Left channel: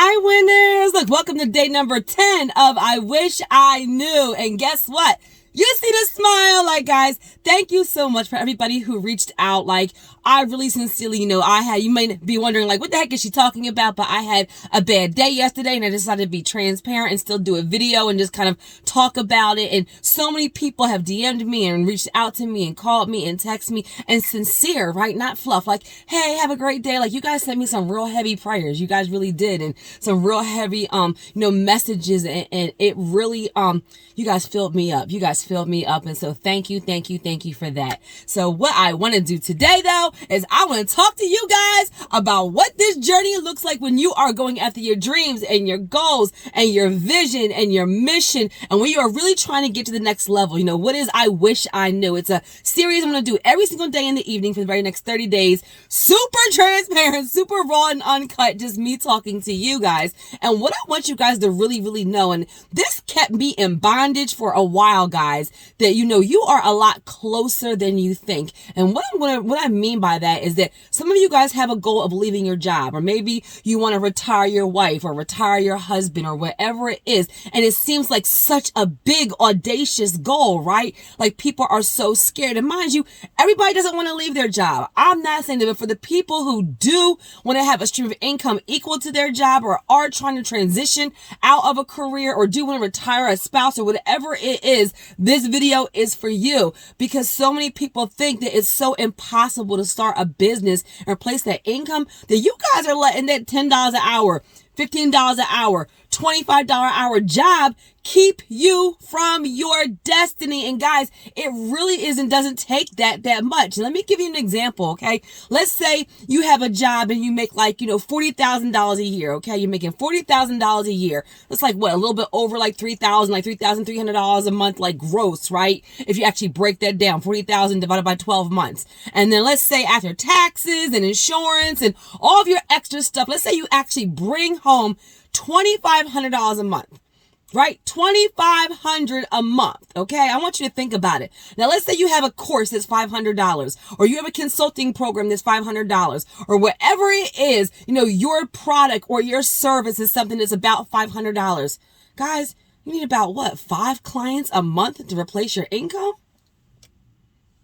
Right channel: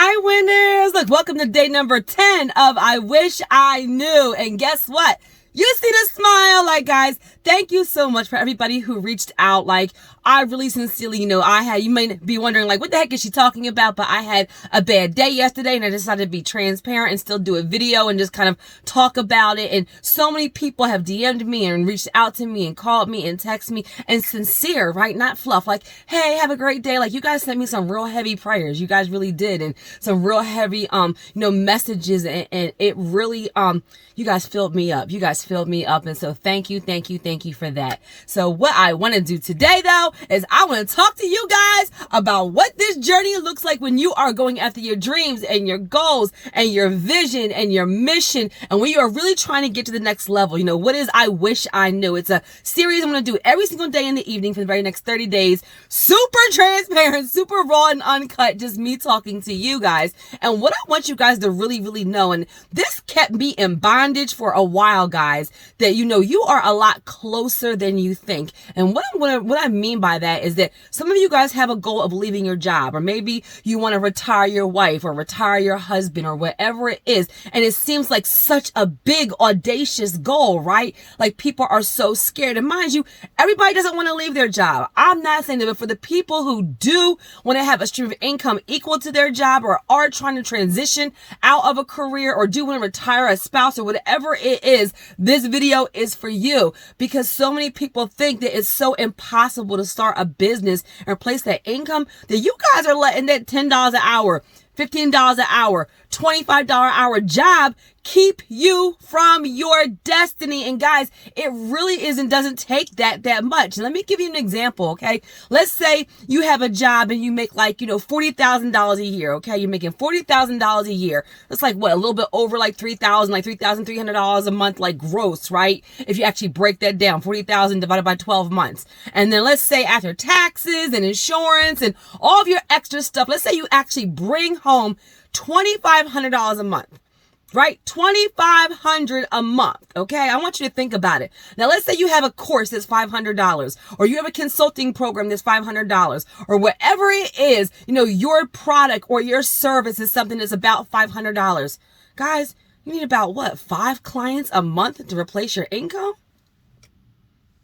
Hi, winners. Look, welcome to day number 10 of I Wish I Knew. And guess what? You see the smile. Like, guys, thank you so much for everybody who reached out. Like, I really sincerely, you may be wondering, like, what the heck is she talking about? But I had a bad day yesterday and I decided to be transparent and still do a video and just kind of talk about it. And so many people have DM'd me and reached out to me and called me and texted me and sincere, right? Not fluff. Like, hey, have a great day. Like, you guys sent me some real heavy prayers. You guys really did. And some real heavy, messages. And it really, you guys filled me up. And so thank you for that. So what I want to do today, though, is I want to talk to you guys about what this journey looks like when you are going after your dreams and your goals and your vision and your mission. And when you are really trying to get to the next level, what is I Wish I Knew? It's a series I'm going to do every single day in the evening for the very next 30 days. Super transparent, super raw and uncut, just me talking to you guys. And what I want you guys to really, really know, and this kept me in bondage for a while, guys, that you are a lot closer than you think. And what I mean by that is that some of you guys have a goal of leaving your job, or maybe you want to retire your wife or retire your husband or whatever it is. And it seems like such a big, audacious goal, right? Like, people are so scared. And mind you, everybody doesn't want to leave their job. I'm not saying that, but for the people who do want to have a stream of income equal to their job, or are trying to transition out of a career, or do want to retire a spouse or whatever it is, this video is for you. Because so many people think that it's so impossible to start a business and replace that income, that you guys are letting that $10 an hour, $15 an hour, $25 an hour job keep you from your destiny. And guys, it really doesn't take that much. Let me give you an example, okay? Let's say you have a job and you make $40,000 a year, okay? You're making $40,000 a year. That's like what, a little bit over like $3,000, like $3,300 a month, like gross, right? If you actually break that down, 40,000 divided by 12 months. And then let's say after taxes and insurance and all of your extra stuff, let's say you actually bring home $2,500 a month. Right? $2,500 a month. Okay. I want you to think about it. Now, let's say you have a course that's $500, or you have a consulting program that's $500, or whatever it is, your product or your service is something that's about $500. Guys, you need about 5 clients a month to replace your income?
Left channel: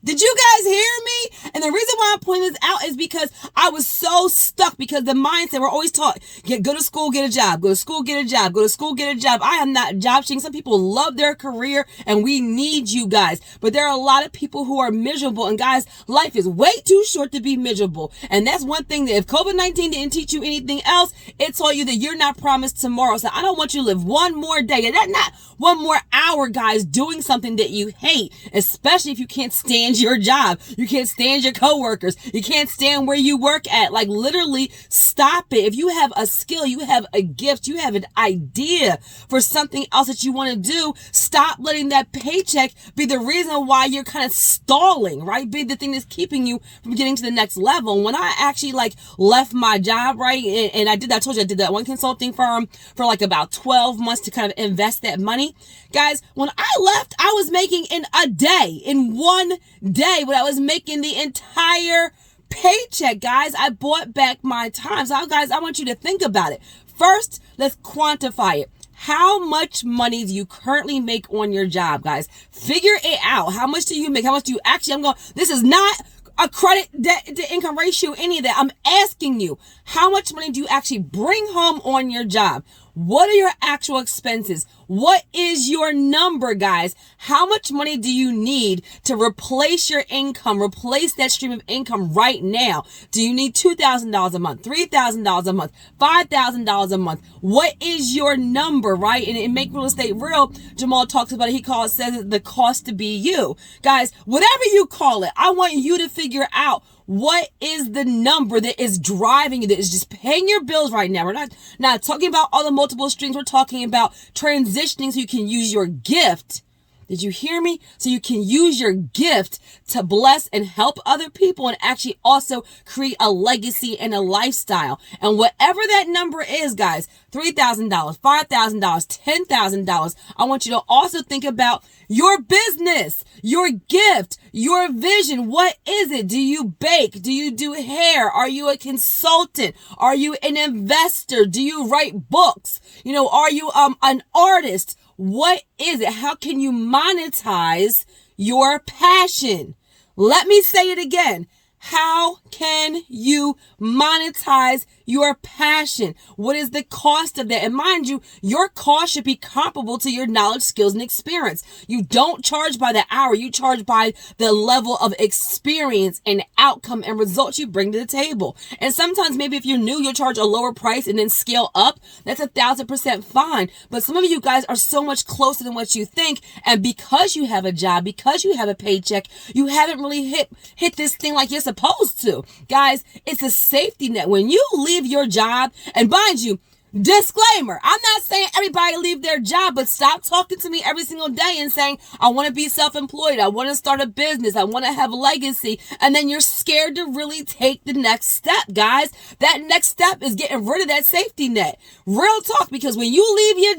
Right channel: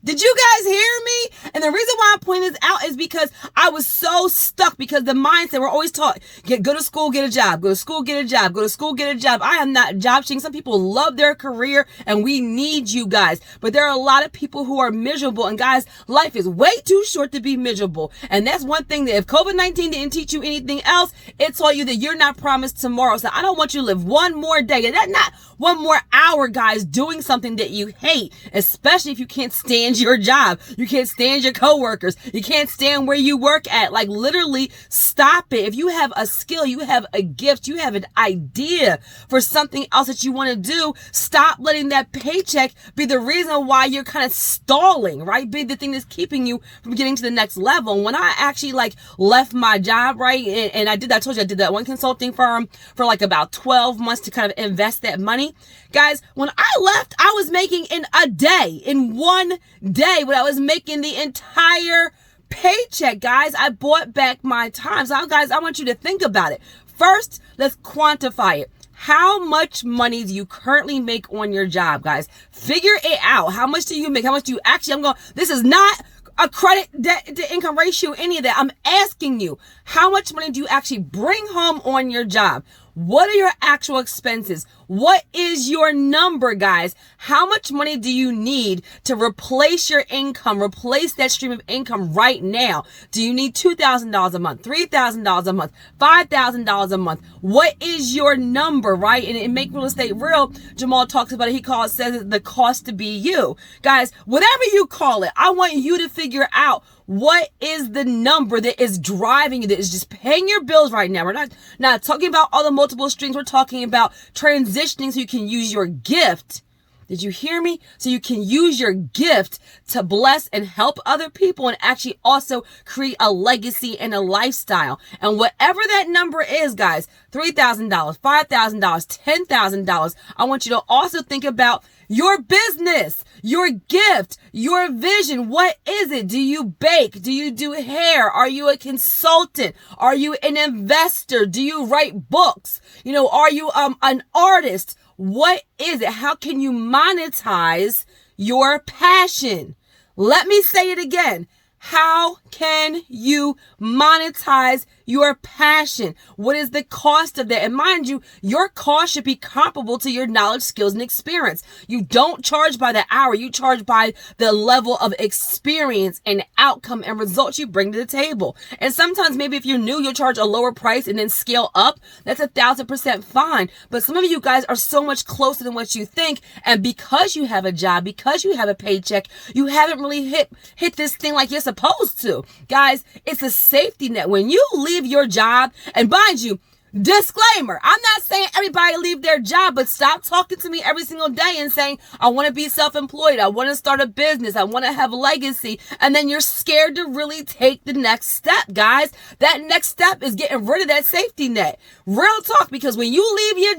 Did you guys hear me? And the reason why I'm pointing this out is because I was so stuck, because the mindset, we're always taught, go to school, get a job, go to school, get a job, go to school, get a job. I am not job sharing. Some people love their career and we need you guys, but there are a lot of people who are miserable. And guys, life is way too short to be miserable. And that's one thing that if COVID-19 didn't teach you anything else, it taught you that you're not promised tomorrow. So I don't want you to live one more day, and not one more hour, guys, doing something that you hate, especially if you can't stand your job. You can't stand your coworkers. You can't stand where you work at. Like, literally stop it. If you have a skill, you have a gift, you have an idea for something else that you want to do, stop letting that paycheck be the reason why you're kind of stalling, right? Be the thing that's keeping you from getting to the next level. When I actually left my job, right? And I told you I did that one consulting firm for about 12 months to kind of invest that money. Guys, when I left, I was making in one day what I was making the entire paycheck, guys. I bought back my time. So, guys, I want you to think about it. First, let's quantify it. How much money do you currently make on your job, guys? Figure it out. How much do you make? How much do you actually, this is not a credit debt to income ratio, any of that. I'm asking you, how much money do you actually bring home on your job? What are your actual expenses? What is your number, guys? How much money do you need to replace your income, replace that stream of income right now? Do you need $2,000 a month, $3,000 a month, $5,000 a month? What is your number, right? And in Make Real Estate Real, Jamal talks about it. Says it the cost to be you. Guys, whatever you call it, I want you to figure out what is the number that is driving you, that is just paying your bills right now. We're not talking about all the multiple streams. We're talking about transitioning so you can use your gift. Did you hear me? So you can use your gift to bless and help other people, and actually also create a legacy and a lifestyle. And whatever that number is, guys, $3,000, $5,000, $10,000, I want you to also think about your business. Your gift, your vision, what is it? Do you bake? Do you do hair? Are you a consultant? Are you an investor? Do you write books? Are you an artist? What is it? How can you monetize your passion? Let me say it again. How can you monetize your passion? What is the cost of that? And mind you, your cost should be comparable to your knowledge, skills, and experience. You don't charge by the hour. You charge by the level of experience and outcome and results you bring to the table. And sometimes maybe if you're new, you'll charge a lower price and then scale up. That's 1,000% fine. But some of you guys are so much closer than what you think. And because you have a job, because you have a paycheck, you haven't really hit this thing like you're supposed to. Guys, it's a safety net. When you leave your job, and mind you, disclaimer, I'm not saying everybody leave their job, but stop talking to me every single day and saying, I want to be self-employed. I want to start a business. I want to have legacy. And then you're scared to really take the next step, guys. That next step is getting rid of that safety net. Real talk, because when you leave your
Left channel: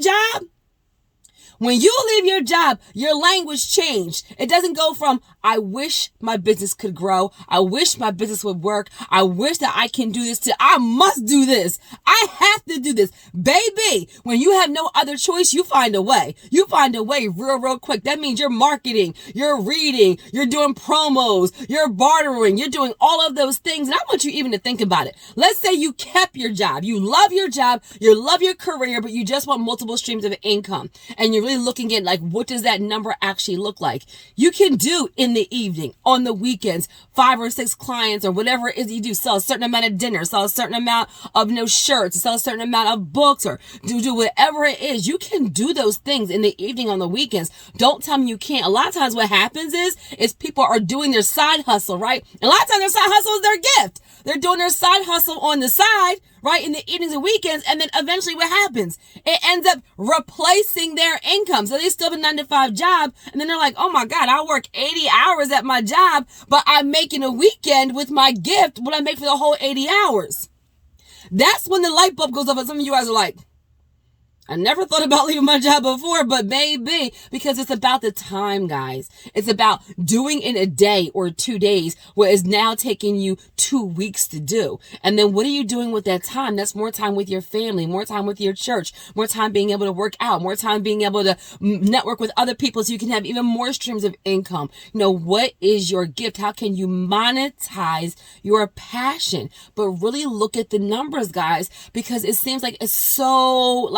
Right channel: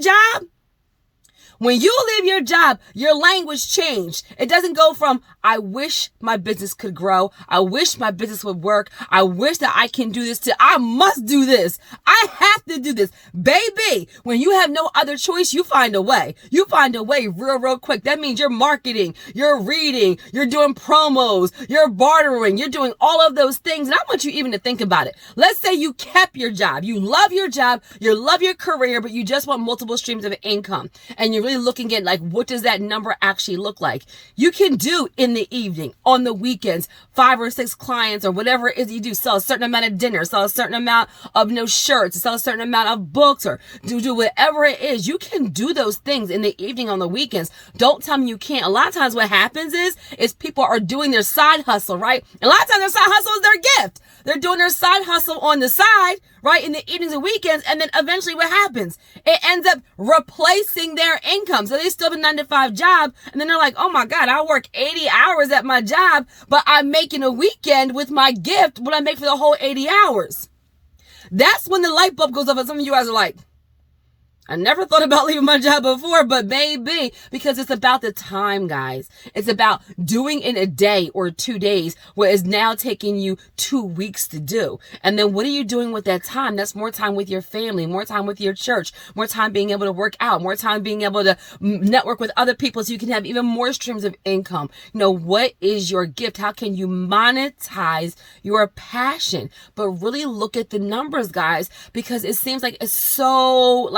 job, your language changed. It doesn't go from, I wish my business could grow. I wish my business would work. I wish that I can do this, to I must do this. I have to do this. Baby, when you have no other choice, you find a way. You find a way real quick. That means you're marketing, you're reading, you're doing promos, you're bartering, you're doing all of those things. And I want you even to think about it. Let's say you kept your job. You love your job. You love your career, but you just want multiple streams of income. And you're really looking at what does that number actually look like? You can do in the evening, on the weekends, 5 or 6 clients or whatever it is you do, sell a certain amount of dinner, sell a certain amount of shirts, sell a certain amount of books, or do whatever it is. You can do those things in the evening, on the weekends. Don't tell me you can't. A lot of times what happens is people are doing their side hustle, right? A lot of times their side hustle is their gift. They're doing their side hustle on the side, right, in the evenings and weekends, and then eventually what happens? It ends up replacing their income. So they still have a 9-to-5 job, and then they're like, oh my God, I work 80 hours at my job, but I'm making a weekend with my gift what I make for the whole 80 hours. That's when the light bulb goes off, and some of you guys are like, I never thought about leaving my job before, but maybe, because it's about the time, guys. It's about doing in a day or 2 days what is now taking you 2 weeks to do. And then what are you doing with that time? That's more time with your family, more time with your church, more time being able to work out, more time being able to network with other people so you can have even more streams of income. What is your gift? How can you monetize your passion? But really look at the numbers, guys, because it seems like it's so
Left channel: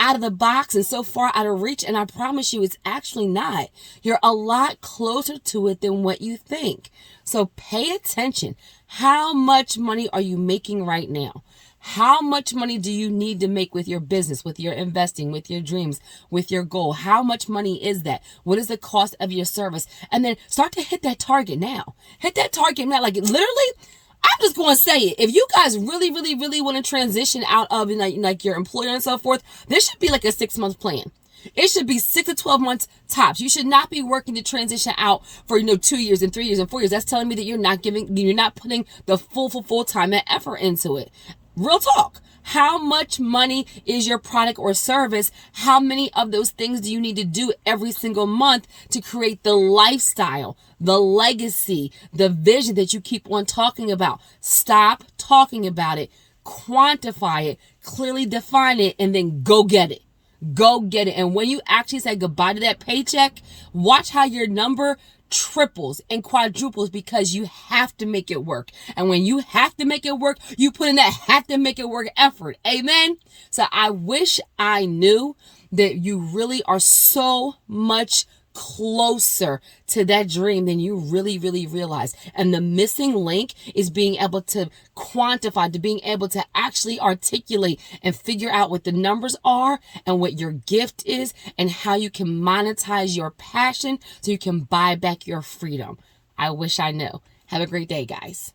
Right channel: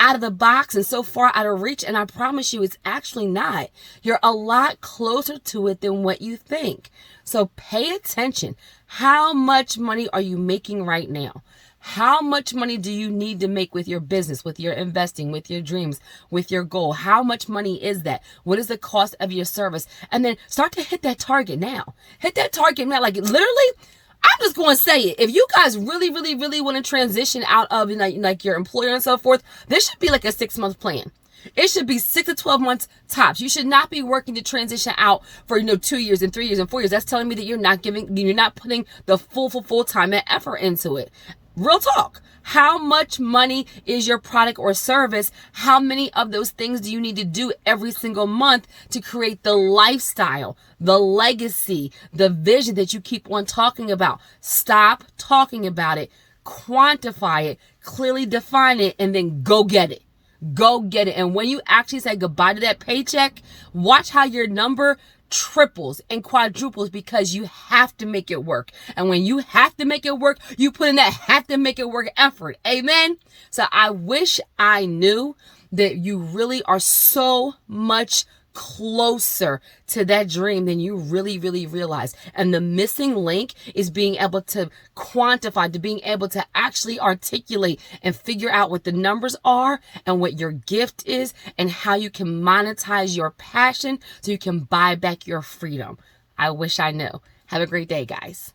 out of the box and so far out of reach. And I promise you, it's actually not. You're a lot closer to it than what you think. So pay attention. How much money are you making right now? How much money do you need to make with your business, with your investing, with your dreams, with your goal? How much money is that? What is the cost of your service? And then start to hit that target now. Hit that target now. Literally, I'm just going to say it. If you guys really want to transition out of like your employer and so forth, this should be like a 6-month plan. It should be 6 to 12 months tops. You should not be working to transition out for 2 years and 3 years and 4 years. That's telling me that you're not putting the full time and effort into it. Real talk. How much money is your product or service? How many of those things do you need to do every single month to create the lifestyle, the legacy, the vision that you keep on talking about? Stop talking about it. Quantify it. Clearly define it. And then go get it. Go get it. And when you actually say goodbye to that paycheck, watch how your number triples and quadruples, because you have to make it work. And when you have to make it work, you put in that have to make it work effort. Amen. So I wish I knew that you really are so much closer to that dream than you really realize. And the missing link is being able to quantify, to being able to actually articulate and figure out what the numbers are and what your gift is and how you can monetize your passion so you can buy back your freedom. I wish I knew. Have a great day, guys.